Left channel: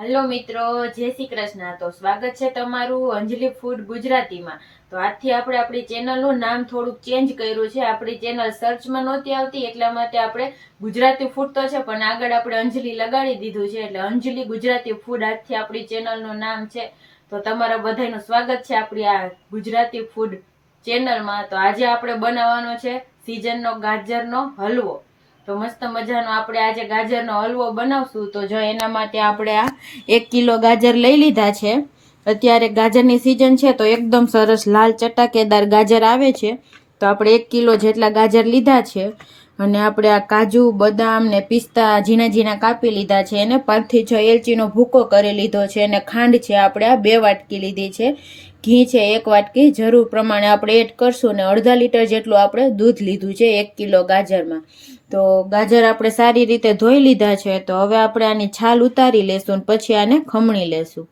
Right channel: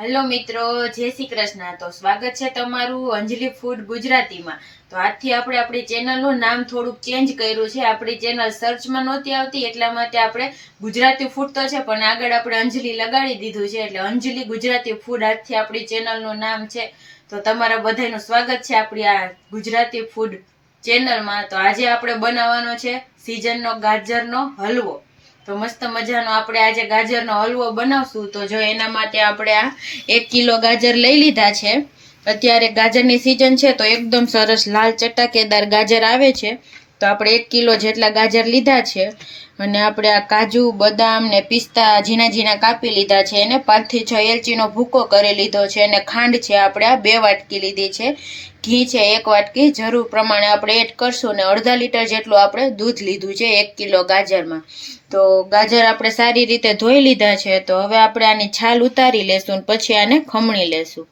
Hello મિત્રો, જય શ્રી કૃષ્ણ. તો સ્વાગત છે તમારું અંજલિ ફૂડ ગુજરાતીમાં. તો આજથી આપણે આપણી ચેનલનું નામ થોડુંક ચેન્જ કર્યું છે. આપણી ચેનલ સર્ચમાં નહોતી આવતી, એટલા માટે આપણે ગુજરાતી ફૂડ તો છે, પણ આગળ આપણે અંજલિ લગાડી દીધું છે. એટલે અંજલિ ગુજરાતી ફૂડ આજથી આપણી ચેનલનું નામ છે. તો તમારા બધાનું સ્વાગત છે આપણી આ ગુજરાતી ફૂડ ચેનલમાં. તો આજે આપણે બનાવવાનો છે સિઝનનો ગાજરનો હલવો. તો મસ્ત મજાનો આપણે આજે ગાજરનો હલવો બનાવશું. તો જો એના માટે આપણે આ એક કિલો ગાજર લઈ લીધા છે. અત્યારે ગાજરની સિઝન છે તો એકદમ સરસ લાલ ચટાકેદાર ગાજર આવે છે. તો આપણે એક કિલો જેટલા ગાજર લીધા છે. અને આપણે આ કાજુ, બદામ ને પિસ્તા ઝીણા ઝીણા કાપી લીધા છે એને પાંચથી છ એલચીનો ભૂકો કરી લીધો છે અને ખાંડ છે આપણે આ બે વાટકી લીધી છે. ઘી છે એક વાટકી, જરૂર પ્રમાણે આપણે એડ કરશું ને અડધા લીટર જેટલું આપણે દૂધ લીધું છે એક કિલો ગાજરમાં. તો ગાજર આપણે સારી રીતે ધોઈ લીધા છે, તો હવે આપણે આની છાલ ઉતારી લેશું પછી આને ખમણી લેશું.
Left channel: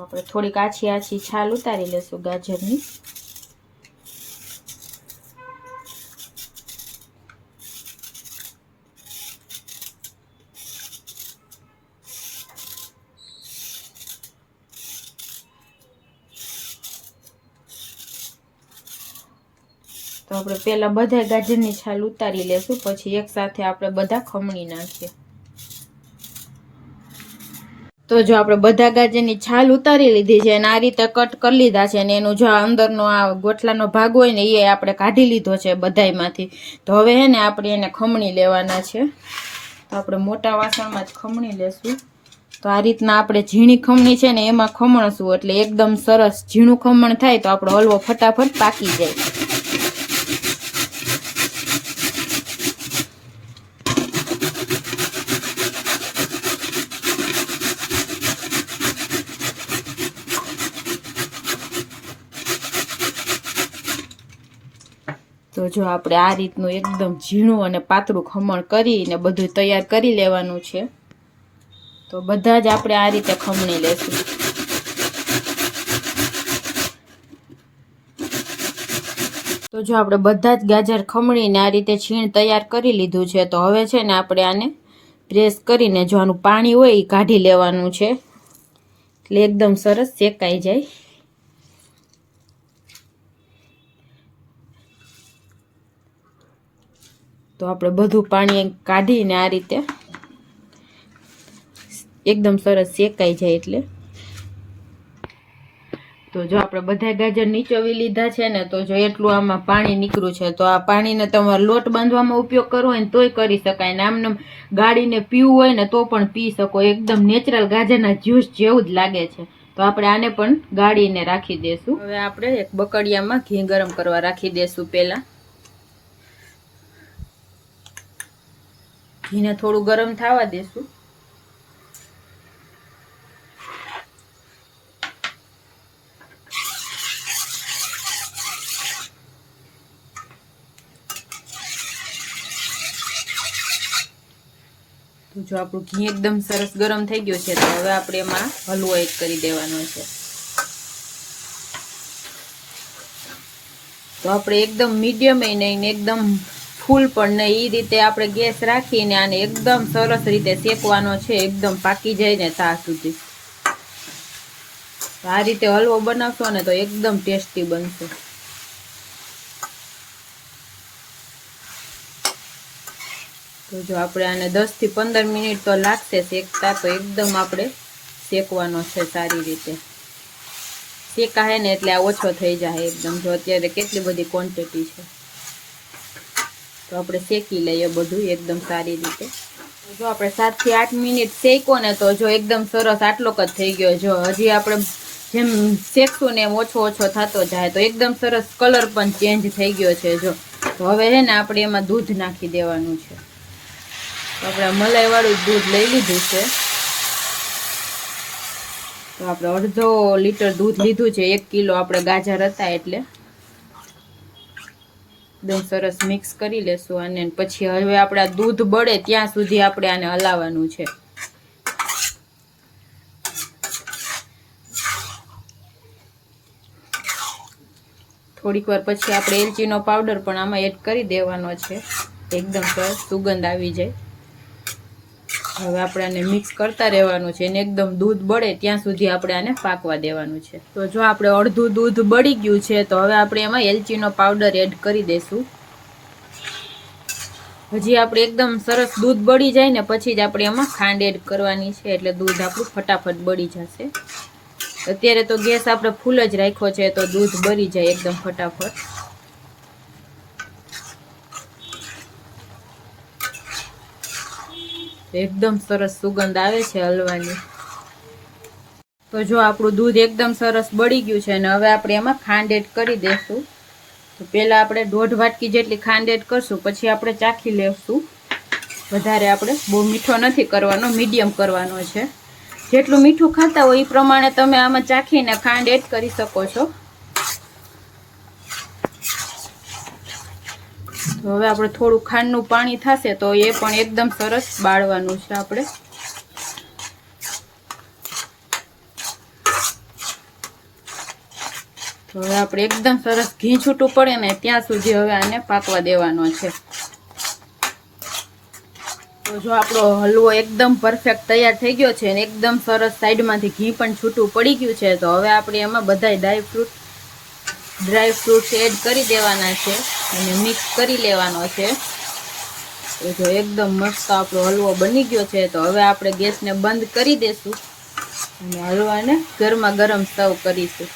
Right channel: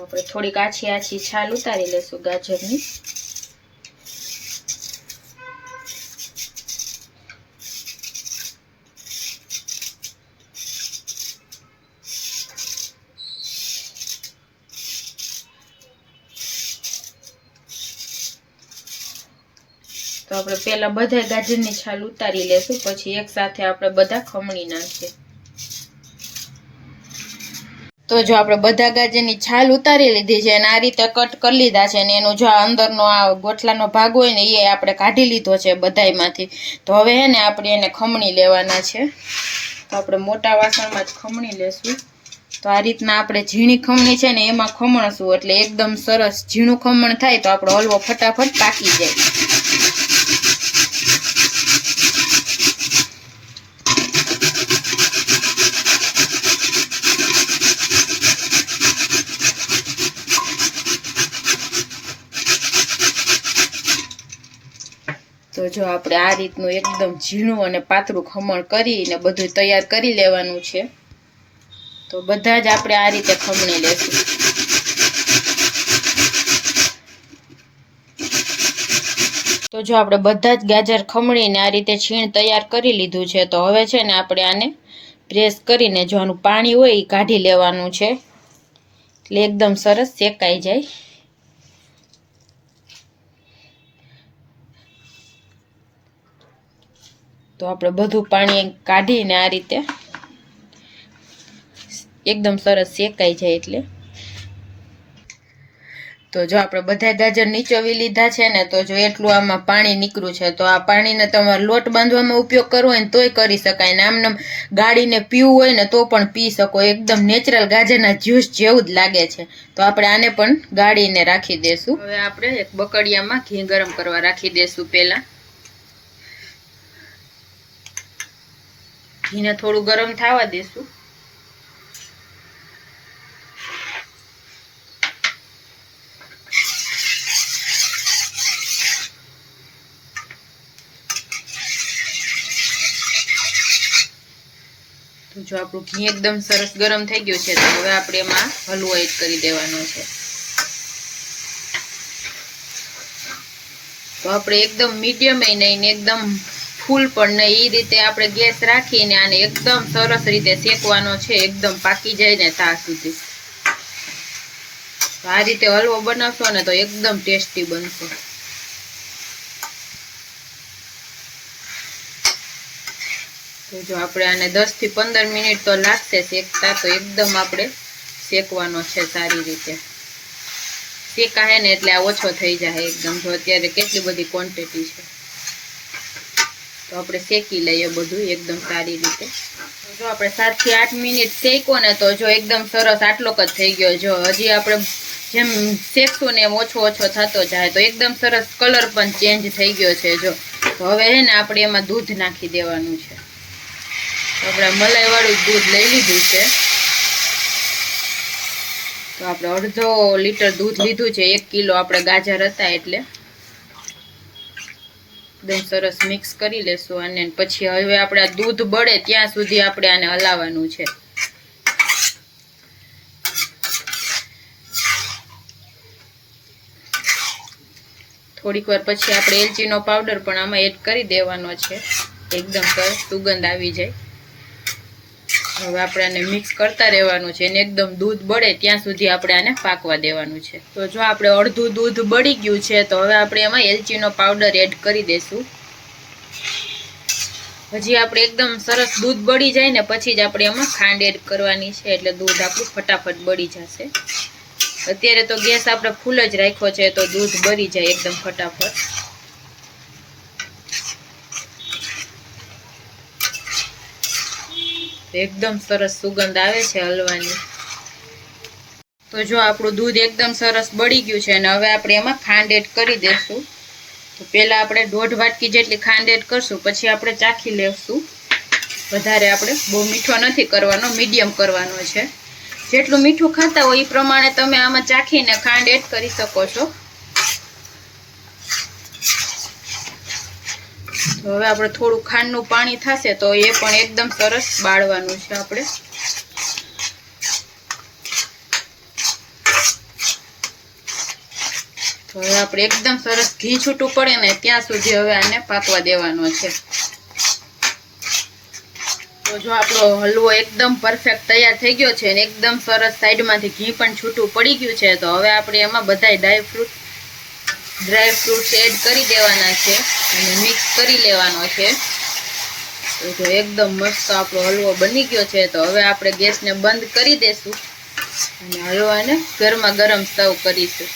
આપણે થોડીક આછી આછી છાલ ઉતારી લેશું ગાજરની. તો આપણે પહેલા બધા ગાજરની છાલ ઉતારી લેશું, પછી એક સાથે આપણે બધા ખમણી નાખીએ. તો જો આપણે બધા ગાજરની છાલ ઉતારી લીધી છે અને આ રીતે કટ કરી લીધા છે અને એનું જો આ અંદરનો આ ગોટલાનો ભાગ હોય ને, એ આપણે કાઢી લીધો છે બધામાંથી તો હવે હે ને આપણે એને ખમણી લેવાના છે. તો આપણે મોટા વાસણમાં જ ખમણી લેશું. તો આ રીતના આપણે ઝીણી ખમણી છે ને, એમાં ખમણશું એટલે એકદમ સરસ ઝીણું ખમણ થાય તો આપણો હલવો ફટાફટ પાકી જાય. તો જો આપણે આ રીતનું એકદમ ઝીણું અને પાતળું ખમણ કરીને બધું તૈયાર કરી લેવાનું છે. તો બધા જ આપણે આ રીતે ખમણી લેશું. તો જો આપણે બધા જ ગાજર ખમણીને આ રીતે છીણ તૈયાર કરી લીધું છે, તો હવે છે ને આપણે આને પ્રેસ કરીને જો આનું પાણી હોય એ કાઢી લેવાનું છે. એટલે એકદમ સરસ શેકાઈ જાય. તો આપણે બધું પાણી કાઢીને આ રીતે એકદમ સરસ શેકાઈ જાય એટલે. તો જો આપણે બધા ગાજર નીચોવી લીધા છે ને, તો જો એટલું આમાં પાણી નીકળ્યું છે, તો આ પાણીને તમારે લોટ બાંધવામાં ઉપયોગ કરવો હોય ને તોય કરી શકાય. ને આમને ગાળીને પીવું હોય ને તો પણ પી શકો. એકદમ નેચરલ ગાજરના જ્યુસ જેવું જ લાગે છે. તો આપણે આને પણ ગાળીને રાખી દઈશું હવે આપણે એક બકડિયામાં ઘી ગરમ કરવા રાખી દઈશું પહેલાં. ઘીને થોડું ગરમ થવા દેશું. જો આપણું ઘી એકદમ સરસ ગરમ થઈ ગયું છે, તો હવે આપણે એમાં હલવો એડ કરી દેવાનો છે. તો આપણે એકદમ મીડિયમ નહીં એકદમ ફૂલ પણ ને એ રીતે આપણે ગેસ રાખીને આને એકદમ સરસ રીતે શેકવાનો છે, એકદમ પાકી જાય ને ત્યાં સુધી. આ રીતે હલવો બનાવશો ને તો એકદમ ટેસ્ટી બનશે. તો જો આપણે આને દસથી પંદર મિનિટ તો લાગશે શેકતા, તો એકદમ આપણે શેકવાનો છે સારી રીતે. શેકાય ને એટલે આ ઓછો થઈ જાય એકદમ, જો અત્યારે કેટલી બધી ક્વોન્ટિટી છે. તો આપણે શેકી લઈએ બધું એકદમ સારી રીતે. જો આપણે સાતથી આઠ મિનિટ શેકો ને તો જો એકદમ સરસ આટલો જ થઈ ગયો. જો હજી આપણે જેમ શેકશું ને ઓછો ઓછો થતો જાય તો એકદમ સરસ કલર પણ ચેન્જ થઈ ગયો છે જો. તો હવે છે ને આપણે એમાં દૂધ નાખી દેવાનું છે. આપણે મલાઈવાળું દૂધ લઈ લીધું છે. તો આપણે અડધો લીટર દૂધ લીધું છે. એક કિલો આપણે ગાજર હતા એટલે. એકદમ સરસ મિક્સ કરી લેશું અને પછી હવે આપણે દૂધ બળે ત્યાં સુધી આપણે આને હલાવવાનું છે. થોડીક વાર પછી આપણે એલચીનો પાવડર પણ આમાં એડ કરી દેવાનો છે. એકદમ સરસ સુગંધ આવી જાય. હવે આપણે આને મિક્સ કરતા રહેવાનું છે અને એકદમ દૂધ બળે ત્યાં સુધી આપણે આને પાકવા દેવાનું છે. તો જો આપણે અડધું દૂધ બળી ગયું છે, તો હવે આપણે એમાં એલચીનો પાવડર એડ કરી દઈશું હજી આપણે એકદમ સરસ દૂધ બળી જાય ને પછી જ આપણે એમાં ખાંડ એડ કરવાની છે, એટલે દૂધ આપણું ફટાફટ બળી જશે. અત્યારે તો ગેસ આપણે ફૂલ જ રાખ્યો છે, તો દૂધ બળી જાય એકદમ ફટાફટ. એકદમ સરસ સુગંધ આવે છે હલવાની. તો જો આપણું દૂધ એકદમ સરસ બળી ગયું છે અને હવે આપણે એમાં ખાંડ એડ કરી દઈશું તો પહેલાં આપણે દોઢ વાટકી જેટલી ખાંડ એડ કરશું, પછી આપણે ચાખી લેશું. વધારે આપણે બહુ મીઠો નથી કરવાનો, મીડિયમ કરવાનો છે. જેટલું મીઠું ખાતા હોય એ પ્રમાણે તમે આમાં ચાખીને ખાંડ એડ કરી શકો છો. હવે આપણે થોડું ખાંડનું પાણી થશે તો એ પણ એકદમ સરસ બાળવાનું છે આપણે. હવે આપણે એકદમ સરસ ઘી છૂટું પડે ને ત્યાં સુધી હવે આને પાકવા દેવાનો છે. તો જો આપણો હલવો એકદમ પરફેક્ટ તૈયાર થઈ ગયો છે અને એકદમ સરસ સાઈડમાંથી ઘી પણ છૂટું પડી ગયું છે તો હવે આપણે એમાં બધાય ડ્રાય ડ્રાય ફ્રૂટ્સ એડ કરી દેવાના છે અને મિક્સ કરી લેવાનો છે. તો જો એકદમ મસ્ત આપણો હલવો બની ગયો છે. તો હવે આપણે ગેસને બંધ કરી દઈશું અને હલવાને ગરમા ગરમ સર્વ કરીશું.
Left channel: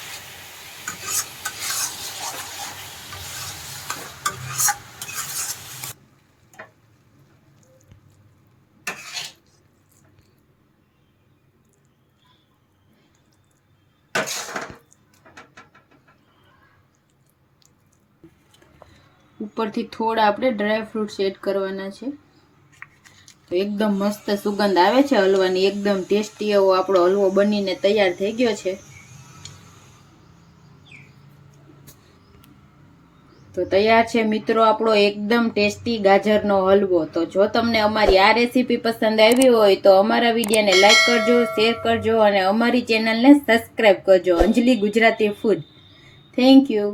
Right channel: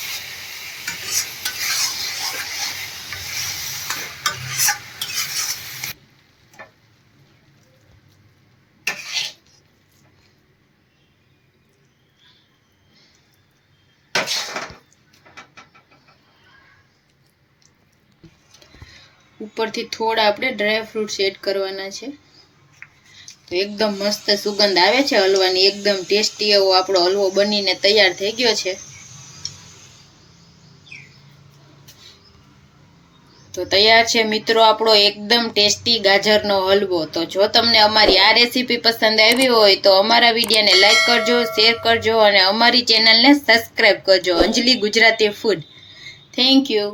ઉપરથી થોડા આપણે ડ્રાય ફ્રૂટ્સ એડ કરવાના છે. તો એકદમ મસ્ત સુગંધ આવે છે હલવાની, એકદમ ટેસ્ટી એવો આપણો હલવો બનીને તૈયાર થઈ ગયો છે. તો તૈયાર છે મિત્રો આપણો એકદમ ટેસ્ટી ગાજરનો હલવો. તો જો તમને અમારી આ રેસીપી પસંદ આવી હોય તો અમારા વિડીયોને લાઈક કરજો શેર કરજો અને અમારી ચેનલને સબસ્ક્રાઈબ કરજો. Anjali Gujarati food thank you